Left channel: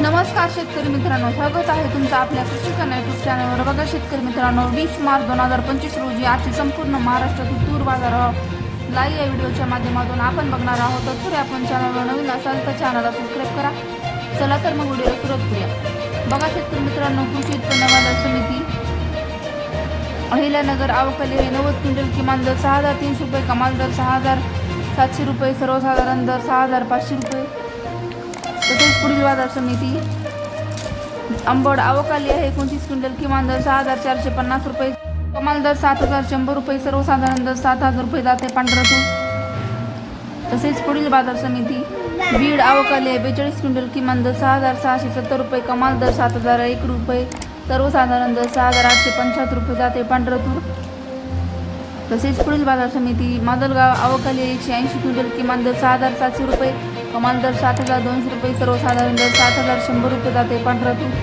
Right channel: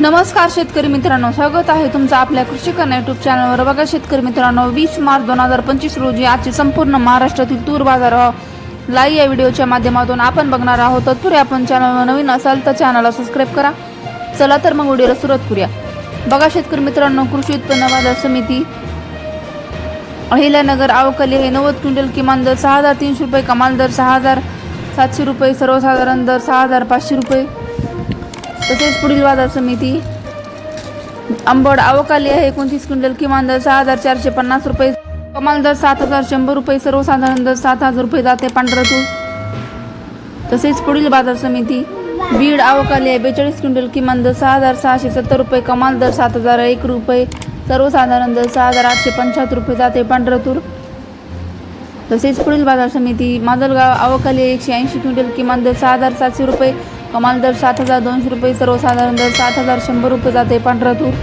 नमस्कार शेतकरी मित्रांनो स्वागत आहे तुमचं आपल्या कृषी कन्या युट्यूब चॅनलवर बघा शेतकरी मित्रांनो वीस मार्च दोन हजार पंचवीस रोजी आजची संपूर्ण महाराष्ट्रातील तूर बाजार लाईव्ह या व्हिडिओच्या माध्यमातून आपण बघणार आहोत. तत्पूर्वी आपण चॅनलवर नवीन असाल तर चॅनलला सबस्क्राईब करा. चला तर मग व्हिडिओला सुरुवात करूया. बघा शेतकरी मित्रांनो कृषी उत्पन्न बाजार समिती अहिल्यानगर आवकली हे नव्वद क्विंटल किमान दर सहा हजार तीनशे रुपये कमाल दर सहा हजार सातशे रुपये सर्वसाधारण दर सहा हजार पाचशे रुपये. तसेच पुढील बाजार समिती. आंबड आवकाली आहे एकोणतीस क्विंटल किमान दर सहा हजार चारशे पन्नास रुपये. कमाल दर सात हजार शंभर रुपये सर्वसाधारण दर सात हजार रुपये जाते पांढरा तूर तसेच पुढील बाजार समिती. बीड आवकाली आहे बेचाळीस क्विंटल किमान दर सहा हजार सहाशे सत्तर रुपये कमाल दर सात हजार एक रुपये सर्वसाधारण दर सहा हजार आठशे पंच्याहत्तर रुपये जाते पांढरा तूर तसेच पुढील बाजार समिती. माजलगाव आवकाली एकशे ऐंशी क्विंटल किमान दर सहा हजार सातशे रुपये कमाल दर सात हजार दोनशे रुपये सर्वसाधारण दर सात हजार शंभर रुपये जाते पांढरा तूर.